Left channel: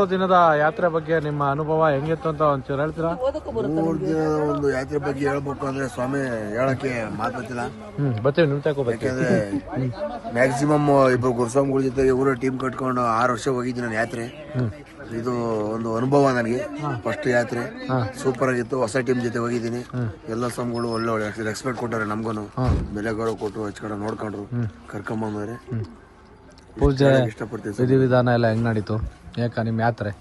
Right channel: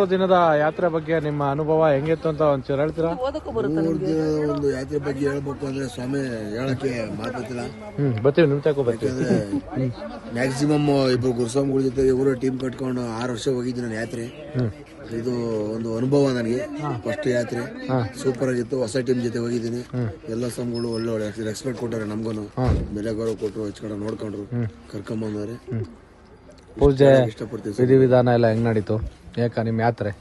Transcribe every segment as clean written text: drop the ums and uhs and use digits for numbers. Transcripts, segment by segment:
3 ದಿನದ ಯಾತ್ರೆ ಬಗ್ಗೆ ನಿಮ್ಮ ಅನುಭವ ಹೆಂಗಿತ್ತು ಅಂತ ಒಂಚೂರು ಹೇಳ್ತೀರಾ? 3 ದಿನದ ಒಂದು ಯಾತ್ರೆ ಬಗ್ಗೆ ಹೇಳ್ಬೇಕು ಅಂದ್ರೆ ಸ್ವಾಮಿ ಹೇಳಕ್ಕೆ ಮಾತಾಡ್ತಿಲ್ಲ. ಯಾಕಂದ್ರೆ ಮ್ಯಾಕ್ಸಿಮಮ್ ಇಬ್ರು ಗುರುಸ್ವಾಮಿಗಳ ಜೊತೆ ಇವರು ಟೀಮ್ ಕಟ್ಕೊಂಡು 6 ವರ್ಷ ಹೋಗಿದ್ದೀನಿ ನಾನು ಯಾತ್ರೆ. ಇದು ಒಂದು ಅನುಭವ ನನಗೆ. ಫಸ್ಟ್ ಯಾತ್ರೆ ಸೂಪರ್ ಆಗಿತ್ತು. ಹೊಸ ಟೀಮ್ ಜೊತೆ ಹೋಗಿದ್ದೀನಿ. ಎಲ್ಲ ಸ್ವಾಮಿಗಳು ಒಳ್ಳೆ ಒಳ್ಳೆ ರೆಸ್ಪೆಕ್ಟ್ ಕೊಟ್ಟಾರೆ. ನಮ್ಗೂನು ಬೆಲೆ ಗೌರವ ಕೊಟ್ಟರು, ಹಚ್ಕೊಂಡು ನೋಡ್ಕೊಂಡ್ರು, ಕರ್ಕೊಂಬಂದ್ರೆ ಇಷ್ಟಪಡ್ತೀವಿ. ವಿಧಾನ ಎಲ್ಲ ಹೆಂಗ್ ನಡೀತು? ಯಾಕೆ ನಿಮ್ಮ ಯಾತ್ರೆ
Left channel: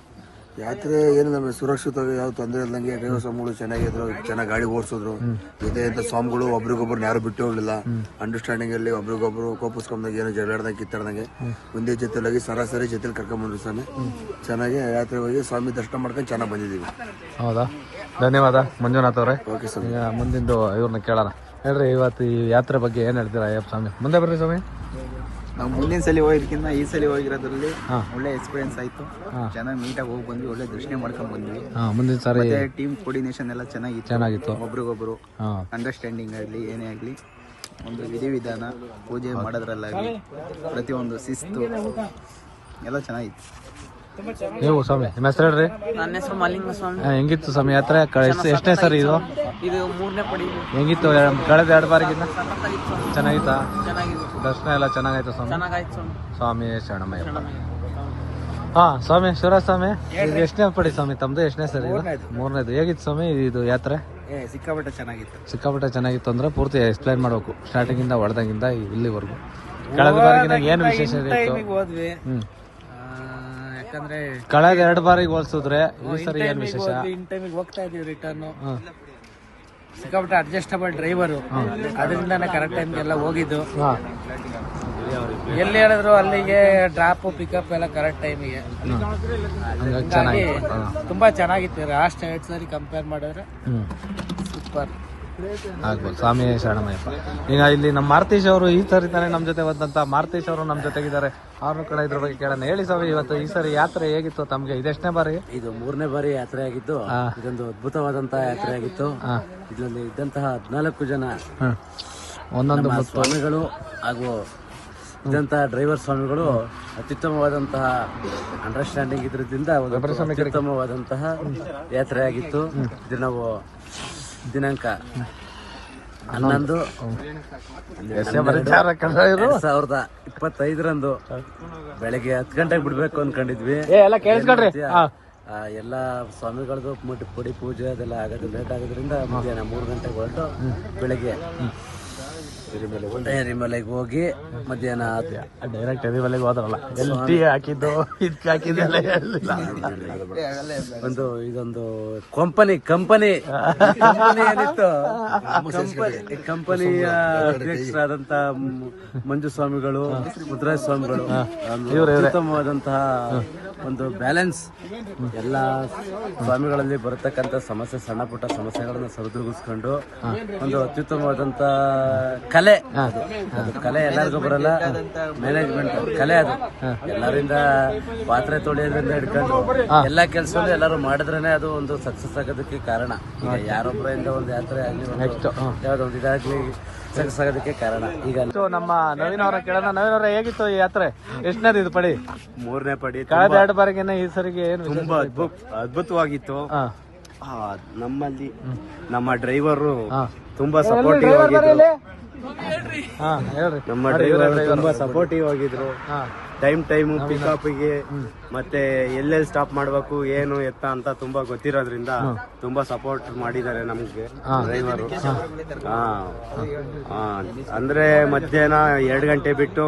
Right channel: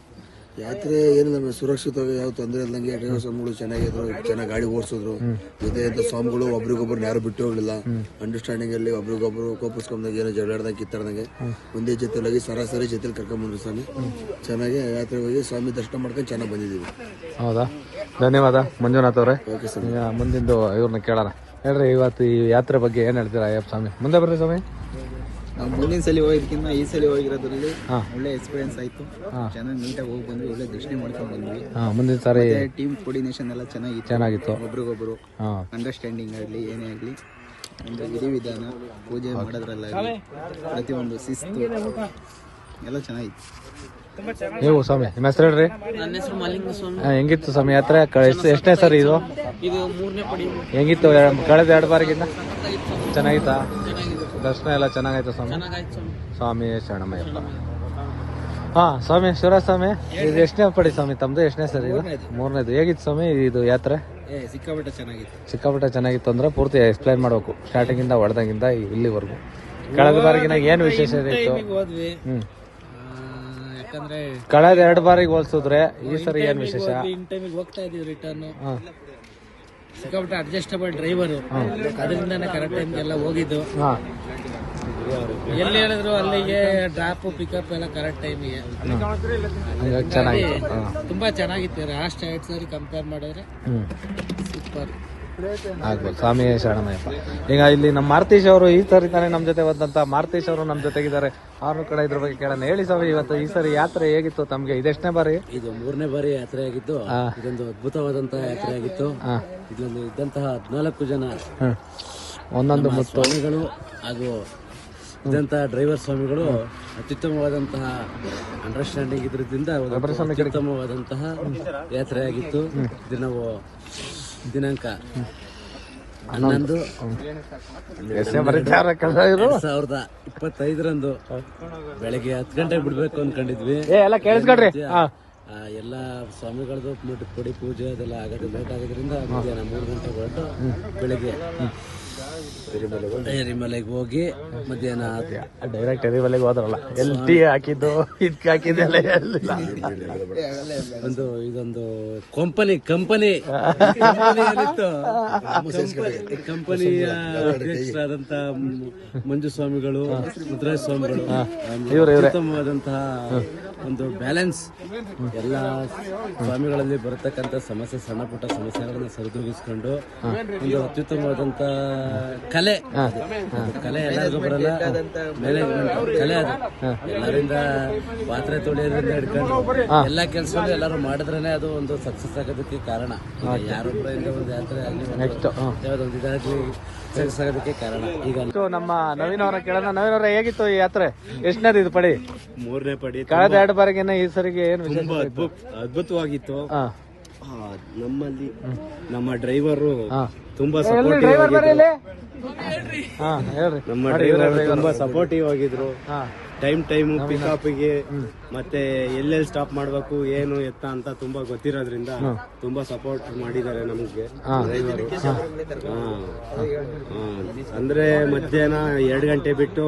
ಏನು ನಮಗೆ ಸುರಕ್ಷಿತವಾಗಿ ಯಾವ ತೊಂದರೆ ಇಲ್ಲಂಗೆ ಡ್ರೈವರ್ ಸ್ವಾಮಿಗಳು ಚೆನ್ನಾಗಿದ್ರು, ಚೆನ್ನಾಗಿ ಗಾಡಿ ಓಡಿಸಿದ್ರು. ಜೊತೆ ಅಂತ ಸ್ವಾಮಿಗಳು ಒಬ್ರಿಗೊಬ್ರು ಯಾರು ಬಿಟ್ಟು ಹೋಗ್ಲಿಲ್ಲ. ಅಂಡರ್ಸ್ಟ್ಯಾಂಡಿಂಗ್ ಅಲ್ಲಿ ಒಬ್ರಿಗೊಬ್ರು ಕೋಪಿಸ್ಕೊಂಡಾಗ ಏನೋ ಜಗಳಾಡ್ದಂಗೆ ಕಿತ್ತಾಡ್ದಂಗೆ ಒಂದೇ ಜೊತೆಲಾಗಿ ಸರಾಸರಿ ಜೊತೆಲಿ ಕರ್ಕೊಂಡ್ಬಂದ್ರು ಸ್ವಾಮಿ. ಚೆನ್ನಾಗಿ ಯಾತ್ರೆ ಹೋಗಿ ಸ್ವಾಮಿ ದರ್ಶನ ಮಾಡ್ಕೊಂಡು ಚೆನ್ನಾಗಿ ಬಂದಿದ್ದೀವಿ. ಹೌದಾ, ಧನ್ಯವಾದ ಮಂಜುನಾಥ್ ಅವರೇ. ಓಕೆ ಸ್ವಾಮಿ. ಮುಂದಿಂದು ಇವ್ರನ್ನ ಕೇಳೋಣ. ಹೇಳ್ರಿ, ಇವತ್ತು ಈ ಯಾತ್ರೆ ಬಗ್ಗೆ ಏನ್ ಹೇಳ್ತೀರಾ? ಅಯ್ಯಪ್ಪ ಸ್ವಾಮಿ ಮುಂದೆ ಬರ್ರಿ ಸ್ವಾಮಿ. ನಾವು ಮುಂದಿನ ಸಲ ಹೋಗಿದ್ಕಿಂತ ಈ ಸಲ ಹೋಗಿರೋದ್ರಲ್ಲಿ ಒಳ್ಳೆ ಎಕ್ಸ್ಪೀರಿಯನ್ಸ್ ಆಯ್ತು. ಚೆನ್ನಾಗಿ ನೀಟಾಗಿ ಹೋಗಿ ಬಂದ್ವಿ, ಒಳ್ಳೆ ದರ್ಶನ ಮಾಡ್ಕೊಂಡ್ ಬಂದ್ವಿ. ಮುಂದಿನ ಸಾರಿ ಟೀಮ್ ಕೋರ್ಡಿನೇಷನ್ ಎಲ್ಲ ಚೆನ್ನಾಗಿತ್ತು. ಒಬ್ರಿಗೊಬ್ರು ಅಂಡರ್ಸ್ಟ್ಯಾಂಡಿಂಗ್ ಆಗಲಿ ಏನೇ ಆಗಲಿ, ಒಂದು ವಿಧಿವಿಧಾನ ಪೂಜೆ ಮಾಡೋದ್ರಲ್ಲಾಗಲಿ ಪ್ರತಿಯೊಂದು ಶಿಸ್ತು ಎಲ್ಲ ಚೆನ್ನಾಗಿತ್ತು. ನೀವು ಸ್ವಾಮಿ ನಿಮ್ಮ ಹೆಸರು ಹೇಳ್ರಿ? ನನ್ನ ಹೆಸರು ಮಾಲಿಂಗ ಸ್ವಾಮಿ. ಹೆಂಗಿತ್ತು ಸ್ವಾಮಿ ಯಾತ್ರೆ? ಎಷ್ಟೇ ಸರಿ ಇದು? ಇದು 3ನೇ ಪಡಿ. ಹೆಂಗಿತ್ತು? ಕಳೆದ 2 ಬಾರಿಗಿಂತ ಚೆನ್ನಾಗಿತ್ತು. ಚೆನ್ನಾಗಿದೆ, ದರ್ಶನ ಎಲ್ಲ ಚೆನ್ನಾಗಿತ್ತು ಸ್ವಾಮಿ. ಚೆನ್ನಾಗಾಯ್ತು ಸ್ವಾಮಿ. ಹಾ ಸ್ವಾಮಿ, ಶಿವರಾಜ್ ಸ್ವಾಮಿ, ಎಷ್ಟನೇ ಪಡಿ ಸ್ವಾಮಿ ತಮ್ದು? ಎಷ್ಟನೇ ಸರಿ? 3ನೇದು. ಹೇಗಿತ್ತು ಸ್ವಾಮಿ ಇದು ಯಾತ್ರೆ? ಸಿಕ್ಕಾಪಟ್ಟೆ ಚೆನ್ನಾಗಿತ್ತು ಅಂದ್ರೆ ಪೂರ್ತಿ ಎಕ್ಸ್ಪ್ಲೈನ್ ಮಾಡ್ಬೇಕು, ಸ್ಟಾರ್ಟಿಂಗ್ ಇಂದ ಹೊಡೆದಾಗಿಂದ ಇಲ್ಲಿವರೆಗೂ. ಏನು ವಿಶೇಷ ಹೋದ್ವಿ ಯಾಕಂದ್ರೆ ಕಳೆದ 2 ಬಾರಿಗೆ ಹೋಲ್ಸಿದ್ರೆ ಈ ಸರಿ ಏನು ವಿಶೇಷ? ಇನ್ ಟೈಮಿಗೆ ಹೋಗ್ತಾ ಇದೀವಿ ರಿಟರ್ನ್. ಸಿಕ್ಕಾಪಟ್ಟೆ ಅಡ್ಜಸ್ಟಬಲ್ ಡ್ರೈವರು, ಅದರಿಂದಾನೆ ಕರೆಕ್ಟ್ ಟೈಮ್ಗೆಲ್ಲ ಹೋಗಿದ್ದು. ಎಲ್ಲಿ ಹೇಳಿದ್ರು ಅಲ್ಲಿಗೆ ಡ್ರಾಪ್ ಪಿಕಪ್ ಎಲ್ಲ ಕರೆಕ್ಟ್ ಟೈಮಿಗೆ. ಹೀಗಾಗಿ ತುಂಬಾ ಚೆನ್ನಾಗಿತ್ತು. ಲಾಸ್ಟ್ 2 ಸರಿ ಕಂಪೇರ್ ಮಾಡಿದ್ರೆ ಸೂಪರ್. ಸ್ವಾಮಿ ಶರಣ. ಈಗ ಇಲ್ಲಿ ನಮ್ಮ ಮಾರುತೇಶ್ ಅವರು ಈ ಸರಿ ತಾನೇ ನಮ್ಮ ಜೊತೆ ಹೋದಂತ ಮಾರುತೇಶ್ ಅವರು ನಮ್ಮ ಜೊತೆಗಿದ್ದಾರೆ. ಅವ್ರ ಕಡೆ ಇದ್ರ ಬಗ್ಗೆ ಕೇಳೋಣ. ಹೇಳಿ ಸ್ವಾಮಿ, ಇವತ್ತು ಈ ಸರಿ ಯಾತ್ರೆ ಹೇಗಿತ್ತು ತಮ್ಗೆ? ಇದೆಷ್ಟನೇ ಬಾರಿ? ಇದು 3ನೇ ಬಾರಿ ಯಾತ್ರೆ ಆಗಿದ್ದು. ಇದೊಂದು ಅದ್ಭುತವಾದಂತಹ ಯಾತ್ರೆ ಆಗಿತ್ತು. ಇದರಲ್ಲಿ ಇದ್ದಂತಹ 14 ಜನ ನಮ್ಮ ಸ್ವಾಮಿಗಳು ಹಾಗೂ ಇದ್ದಂತಹ ಡ್ರೈವರ್ ಸ್ವಾಮಿಗಳು ಅತ್ಯುತ್ತಮವಾದಂತಹ ಅಂಡರ್ಸ್ಟ್ಯಾಂಡಿಂಗ್ ಇದ್ರದಿಂದ ಒಂದು ಅತ್ಯುತ್ತಮವಾದಂತಹ ಯಾತ್ರೆ ಆಗಿತ್ತು. ಇದು ನಾವು ದಿನಾಂಕ 11/12/2025 ಬೆಳಗ್ಗೆ 10 ಗಂಟೆಗೆ ಬಿಡ್ಬೇಕು ಅನ್ಕೊಂಡಿದ್ವಿ. ಎಲ್ಲ ಸ್ವಾಮಿಗಳದ್ದು ಪುಡಿ ಪೂಜೆ ಅದೆಲ್ಲ ಆಗೋದು ಲೇಟ್ ಆಗೋದ್ರಿಂದ ಮಧ್ಯಾಹ್ನ 3 ಗಂಟೆಗೆ ಹೊರಟು ಬೆಳಗ್ಗೆ ಎರಿಮಲೆಗೆ ಹೋಗಿ ಮಧ್ಯಾಹ್ನ ಡೈರೆಕ್ಟ್ ಎರಿಮಲೆಗೆ ಹೋದ್ರಲ್ಲ. ಇದೊಂದು ಕಂಪನಿಯಲ್ಲಿತ್ತು. ಕಂಪನಿಯ ಅಧ್ಯಕ್ಷರಾದಂತ ಮಂಜು ಸ್ವಾಮಿಗಳು, ಮುದ್ರಾಜ್ ಸ್ವಾಮಿಗಳು ಅತ್ಯುತ್ತಮವಾದಂತಹ ಒಂದು ಬ್ಯಾಲೆನ್ಸ್ ಎಲ್ಲ ಸ್ವಾಮಿಗಳಲ್ಲಿ ಬರತಕ್ಕಂತ ಸಮಸ್ಯೆ, ಸಣ್ಣ ಪುಟ್ಟ ಸಮಸ್ಯೆಗಳನ್ನ ಸರಿದೂಗಿಸ್ಕೊಂಡು ಒಂದು ಅತ್ಯುತ್ತಮವಾದಂತ ಕಲೆ. ಅದು ಕಲೆ ಎಲ್ಲರಿಗೂ ಬರಲ್ಲ, ಮ್ಯಾನೇಜ್ಮೆಂಟ್ ಕಲೆ ಅದು. ಎಲ್ಲರಿಂದ ಪಾತ್ರೆ ತೊಳೆಯೋದ್ರಿಂದ ಹಿಡ್ಕೊಂಡು ಎಲ್ಲಾ ಕೆಲಸದಲ್ಲೂ ಎಲ್ಲರೂ ಮಾಡಿದ್ರೇನೆ ಅದು ಒಂದು ಸಕ್ಸಸ್ ಆಗೋದಕ್ಕೆ ಕಾರಣ. ಈಗ ಯಾರೊಬ್ಬರಿಂದ ಒಂದು ಯಾತ್ರೆ ಆಗ್ಲಿ, ಯಾವ್ದೊಂದು ಇದಾಗ್ಲಿ ಸಕ್ಸಸ್ ಆಗೋದಕ್ಕೆ ಕಾರಣ. ಈಗ ನಮ್ಮ ನವೀನ ಹೇಗಿತ್ತು ಈ ಯಾತ್ರೆ? ಎಷ್ಟನೇದು ಇದು ಪಡಿ? 3ನೇ ಪಡಿ. ಕಳೆದ 2 ಬಾರಿಗಿನ್ನ ಈ ಸರಿಗೆ ತುಂಬಾ ಅದ್ಭುತವಾಗಿತ್ತು. ನಮ್ಮಲ್ಲಿ ನಮ್ಮ ಡ್ರೈವರು ತುಂಬಾ ಸಪೋರ್ಟಿವ್ ಆಗಿದ್ರು. ಟೈಮು ಪಿಕಪ್ಗೆ ಮತ್ತೆ ಎಲ್ಲೆಲ್ಲಿ ಸ್ಟಾಪ್ ಮಾಡ್ಬೇಕು ಏನು ಎತ್ತ ಅಂತ ತುಂಬಾ ಗೊತ್ತಿರೋದ್ರಿಂದ ತುಂಬಾ ಸಪೋರ್ಟ್ ಮಾಡಿದ್ದಾರೆ ನಮ್ಗೆ ಡ್ರೈವರು. ಅಂದ್ರೆ ಮಧ್ಯಾಹ್ನ 2 ಗಂಟೆ ಬಿಟ್ಟು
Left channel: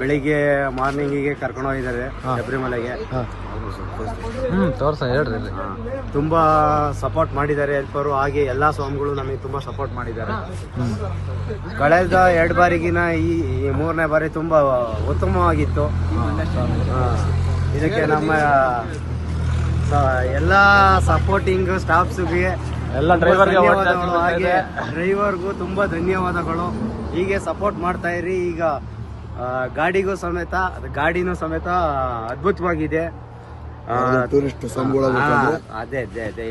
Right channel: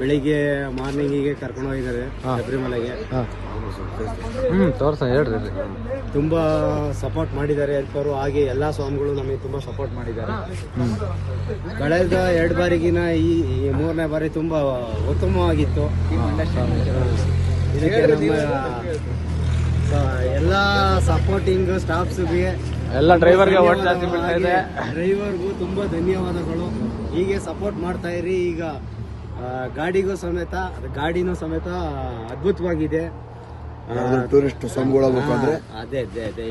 ಬೆಳಿಗ್ಗೆ ಮಾರ್ನಿಂಗಿಗೆ ಕರ್ಕೊಂಡು ಹೋಗಿದ್ದಾರೆ ಶಬರಿಮಲೆಗೆ. ತುಂಬಾ ಸಪೋರ್ಟ್ ಮಾಡಿದ್ದಾರೆ ಹೆಲ್ಪರು. ಹಾಗೆ ಎಲ್ಲಾ ಸ್ವಾಮಿಗಳು ನಮಗೆ ತುಂಬಾ ಸಪೋರ್ಟ್ ಮಾಡಿದ್ದಾರೆ. ಕಳೆದ 2 ಬಾರಿಗಿನ ಈ 3ನೇ ಬಾರಿ ತುಂಬಾ ಉತ್ತಮವಾಗಿತ್ತು. ಇದಕ್ಕೆ ನಮ್ಮ ಎಲ್ಲಾ ಸಪೋರ್ಟಿಂಗ್ ಸ್ಟಾಫ್ಸ್ಗೆ ಧನ್ಯವಾದಗಳು. ಹಾಗೆ ಡ್ರೈವರ್ಗೂ ತುಂಬಾ ಧನ್ಯವಾದಗಳು. ಹೀಗೆ ಸಪೋರ್ಟ್ ಮಾಡ್ತಾ ಇರಿ. ಈಗ ಗಾಡಿನೂ ಸಮೇತ ಅದ್ಭುತವಾಗಿದೆ. ಟೂರಿಸ್ಟ್ ಅದೇ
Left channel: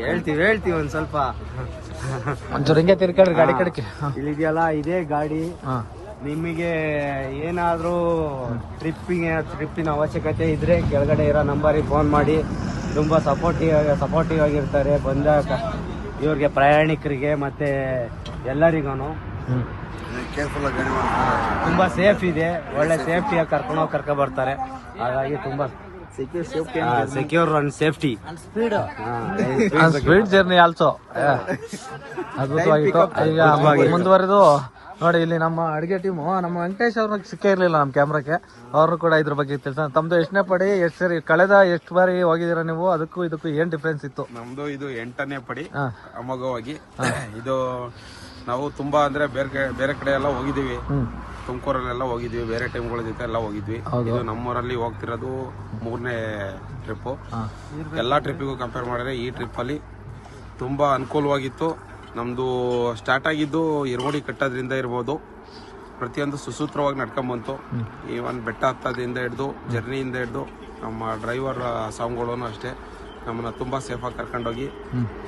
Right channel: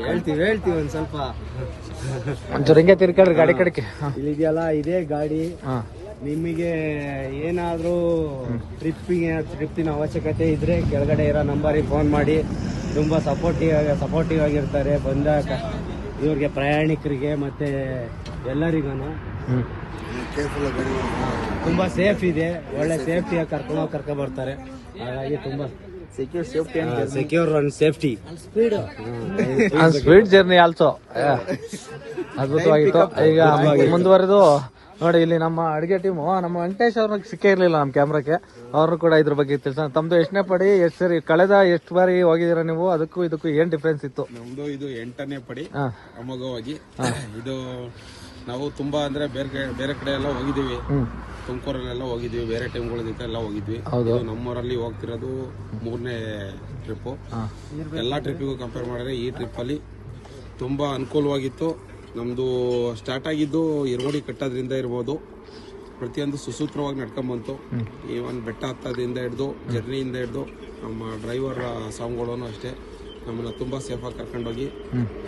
ಹೇಳ್ತೀವಿ ಒಂದ್ ಸ್ವಲ್ಪ. ಗಾಡಿ ಇಲ್ಲಿದೆಯಲ್ಲ, ಇದೇ ಗಾಡಿ ನಿಮಗೆ ಏನಾದರೂ ಟ್ರಿಪ್ಪಿನ ಅವಶ್ಯಕತೆ ಇದ್ರೆ ಕೆಳಗಡೆ ಇರೋ ನಂಬರಿಗೆ ಫೋನ್ ಮಾಡಿ. ತುಂಬ ಸಪೋರ್ಟಿವ್ ಆಗಿರ್ತಾರೆ ಇವ್ರಿಗೆ, ಪ್ರಯಾಣಿಕರಿಗೆ ಮತ್ತೆ ಎಲ್ಲರಿಗೂ. ಕೇರ್ಫುಲ್ ಆಗಿ ಗಾಡಿ ತುಂಬ ಸೇಫ್ ಇದೆ, ಒಳ್ಳೆ ಸೇಫ್ಟಿಯಾಗಿ ಕರ್ಕೊಂಡು ಬರ್ತಾರೆ. ಹಾಗಾಗಿ ತುಂಬ secure and safety sweet journey also ಮುಂದುವರೆದು ನೋಡಿ. ಇಲ್ಲಿ ನಮ್ಮ ಅಡಿಗೆ ಟೀಮು ನಮ್ಮ ವೆಂಕಟೇಶ್ ಅವ್ರಿಗೆ ಸಿಕ್ಕೇ ಇರ್ಲಿಲ್ಲ ನಮ್ಮ ಕ್ಯಾಮ್ರಾಕ್ಕೆ. ಅವರು ಕೂಡ ಇದ್ರ ಬಗ್ಗೆ ತಿಳಿಸ. ತಮ್ದು ಎಷ್ಟನೇ ಪಡಿ, ಎಷ್ಟು ಸರಿ ಕಳೆದ ಎಷ್ಟು ಬಾರಿ ಹೋಗಿದ್ದೀರಾ ನೀವು? ಅದಕ್ಕೂ ಇದಕ್ಕೂ ಏನ್ ಡಿಫ್ರೆನ್ಸ್ ಇತ್ತು? ನಮ್ದು ಇದು 8ನೇ ಪಡಿ ಅಮೋಘವಾಗಿ. ಇದು ನಾವು ತುಂಬಾ ಅಂದ್ರೆ ಬೇರೆ ಕಡೆ ಎಲ್ಲ ಹೋಗಿದೀವಿ, ತುಮಕೂರಲ್ಲೆಲ್ಲ ಹೋಗಿದ್ವಿ, ಬೇರೆ ಟೈಮ್ಗಳ ಜೊತೆ ಎಲ್ಲ ಹೋಗಿದ್ವಿ. ಇದು ನಮ್ಮೂರಲ್ಲಿ ಹೋಗ್ತಿರೋದು 3ನೇ ಟ್ರಿಪ್. ಎಲ್ಲಾ ಟ್ರಿಪ್ಪಿಗೂ ಕಂಪೇರ್ ಮಾಡಿದ್ರೆ ಈ ಟ್ರಿಪ್ ಅಲ್ಲಿ ತುಂಬಾ ಅನುಕೂಲವಾಗಿತ್ತು. ನಮ್ದು ಸ್ಟಾರ್ಟ್ ಆಗಿದ್ದು ಇರುವಡಿ ಕಟ್ಟೋದ್ರಿಂದ ಇರ್ಬೋದು, ಪ್ರತಿಯೊಂದು ಸುಸೂತ್ರವಾಗಿ ನಡ್ಕೊಂಬಂತು. ಈವನ್ ಬೆಟ್ಟ ಹತ್ತೋದ್ರಿಂದ ಹಿಡಿದು ಜರ್ನಿಯಿಂದ ಹಿಡಿದು ನಮ್ಮ ಡ್ರೈವರ್ ಸಾಮ್ಗಳು ಅಷ್ಟೇ ನಮ್ಮನ್ನ ತುಂಬಾ ಸೇಫ್ ಆಗಿ ಕರ್ಕೊಂಡೋಗಿ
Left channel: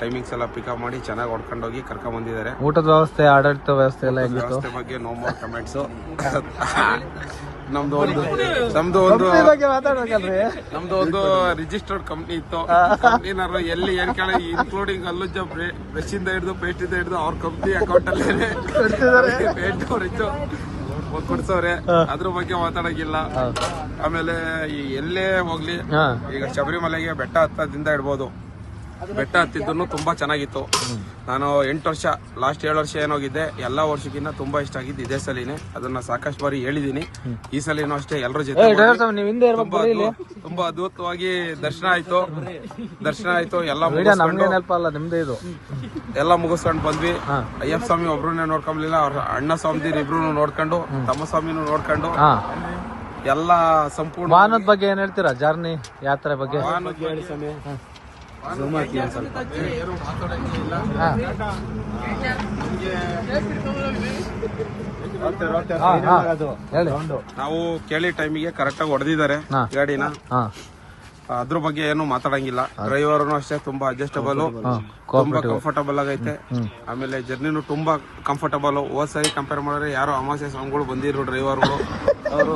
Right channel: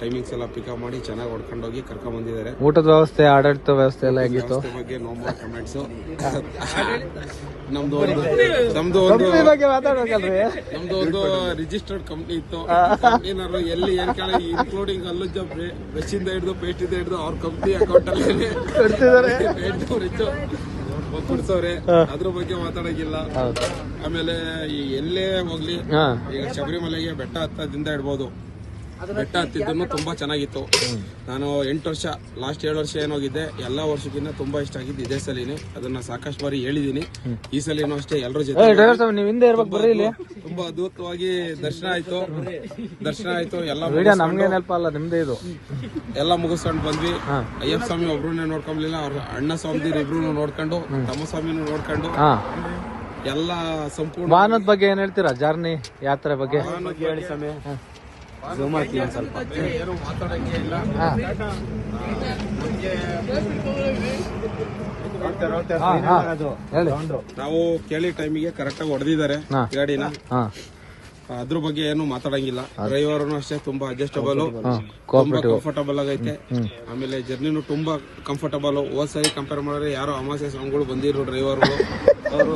ಟೈಮಿಂಗ್ಸ್ ಎಲ್ಲ ಪಿಕಪ್ ಮಾಡಿ ಚೆನ್ನಾಗಿ ಹೊಡ್ಕೊಂಡೋಗಿ ಕರ್ಕೊಂಡ್ ಬಂದಿದ್ದಾರೆ. ಊಟದ ವ್ಯವಸ್ಥೆ, ಆಡಳಿತ ವ್ಯವಸ್ಥೆ ಎಲ್ಲ ವ್ಯವಸ್ಥೆ ಬಗ್ಗೆ ನೋ ಮೋರ್ ಕಮೆಂಟ್ಸ್. ನಮ್ದು ಒಂದು ರಿಜಿಸ್ಟರ್ಡ್ ಕಂಪ್ನಿ ಇತ್ತು. ಕಂಪ್ನಿನವರು ಎಲ್ಲಿ ಏನ್ ಕೇಳ ಇನ್ಕ್ಲೂಡಿಂಗ್ ಅಲ್ಲುಜ್ಜ ಬ್ರಷ್ ಇಂದ ಹಿಡಿದು ಪೇಸ್ಟ್ ಇಂದ ಹಿಡಿದು ಅವ್ರ ಕಂಪ್ನಿ ಅಕೌಂಟ್ ಅಲ್ಲಿ ಪೇಂಟ್ ಅವರಿದ್ದು ಕೊಡ್ಸವ್ರೆ. ಅದ್ರ ಬಗ್ಗೆ ಮಾತಾಡಂಗಿಲ್ಲ. ಆಮೇಲೆ ಎಲ್ಲೇ ಹೋಗ್ಲಿ, ಈಗ ಶಬರಿಮಲೆಗೆ ಬೆಟ್ಟ ಹತ್ತದಿಂದ ಇಡ್ಬೋದು, ಬೆಟ್ಟ ಹತ್ತಿದ್ದನ್ನು ತುಂಬಾ ಚೆನ್ನಾಗಿತ್ತು. ನಾನು 8 ವರ್ಷ, ಲಾಸ್ಟ್ 7 ವರ್ಷ ಏನೋಗಿದ್ದೆ. ಎಲ್ಲಾ ವರ್ಷಕ್ಕಿಂತ ತುಂಬಾ ಇಷ್ಟ ಆಗಿದ್ದು ಇದೇ ಸಲಿನೇ. ಅದನ್ನ ಸಾಕಷ್ಟು ಬಾರಿ ಹೇಳಿದೀನಿ. ಈ ಸಲಿನೂ ಅಷ್ಟೇ ಎಲ್ಲರ ಜೊತೆ ತುಂಬಾ ಅದ್ಭುತವಾಗಿ ದರ್ಶನ ಆಯ್ತು. ಎಲ್ಲ ಮುಗಿಸ್ಕೊಂಡು ಬಂದ್ವಿ. ಅಯ್ಯಪ್ಪ ಸ್ವಾಮಿ ಒಬ್ರನ್ನೇ ನೋಡ್ಕೊಂಬ್ಲಿಲ್ಲ, ಅವ್ರ ಅಣ್ಣ ಸ್ವಾಮಿ ಇಬ್ರು ನೋಡ್ಕೊಂಡು, ತಮ್ಮ ಸ್ವಾಮಿನೂ ನೋಡ್ಕೊಂಡು ಎಲ್ಲ ಸಂಪೂರ್ಣ. ವಾಹನದ ಬಗ್ಗೆ ಏನ್ ಹೇಳ್ತೀರಾ? ಜರ್ನಿ ಯಾತ್ರೆ ಬಗ್ಗೆ ಹೇಳಿ ಸಮಯ ಝೂಮ್ ಹಾಕಿ ಒಂದು ಸ್ವಲ್ಪ. ನಾವು ಕೇಳಿ ಟೈಮಿಗೆ ಕರೆಕ್ಟ್ ಆಗಿ ಹೊಡೆದಿದ್ದಾರೆ ಗಾಡಿನ. ಅದ್ರ ಬಗ್ಗೆ ಏನು ಮಾತಾಡಂಗಿಲ್ಲ. ಡ್ರೈವರ್ನು ಅಷ್ಟೇ ತುಂಬಾ ಅಡ್ಜಸ್ಟಬಲ್, ತುಂಬಾ ಕಂಫರ್ಟಬಲ್ ಆಗೈತೆ. ಆಮೇಲೆ ಜರ್ನಿನು ತುಂಬಾ ಕಂಫರ್ಟಬಲ್. ಹೋದ್ ಸರಿ ಕಂಪೇರ್ ಮಾಡಿದ್ರೆ ಯಾರೋ ಅಮಾಸೆ ಸ್ವಾಮಿಗಳು ಬಂದಿರೋ ಡ್ರೈವರ್ಗಳು, ಅವರು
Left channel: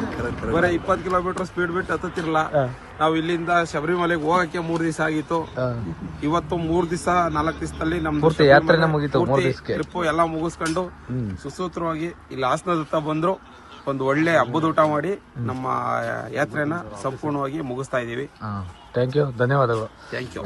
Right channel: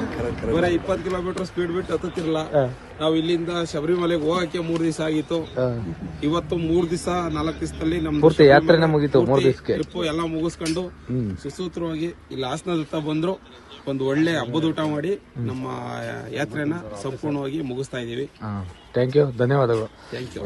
ಬರೀ 20 ಕಿಲೋಮೀಟರ್ ಸ್ಪೀಡ್ ಬಿಟ್ಟು ಹತ್ತುತ್ತಿರಲ್ಲ. ನಾವು ಇಲ್ಲಿಂದ ಶಬರಿಮಲೆಗೆ ಹೋಗಕ್ಕೆ 3 ದಿವಸ ಆಗಿತ್ತು. ಇವತ್ತು 3 ದಿವಸ 4 ದಿವಸದಲ್ಲಿ ನಮ್ದು ಶಬರಿಮಲೆ ಪೂರ್ತಿ ಟ್ರಿಪ್ ಎಲ್ಲ ಮುಗಿಸ್ಕೊಂಡು ಸುಸೂತ್ರವಾಗಿ ಇಲ್ಲಿ ಹಾಸನದತ್ತ ಬಂದ್ರು. ಒಂದು ಒಳ್ಳೆ ಹಬ್ಬದ ಊಟ ಮಾಡಿ ನಮ್ಮ ಯಾತ್ರೆನ ಸಂಪೂರ್ಣವಾಗಿ ಮುಗಿಸ್ತಾ ಇದೀವಿ. ಥ್ಯಾಂಕ್ ಯು, ಧನ್ಯವಾದಗಳು. Thank you.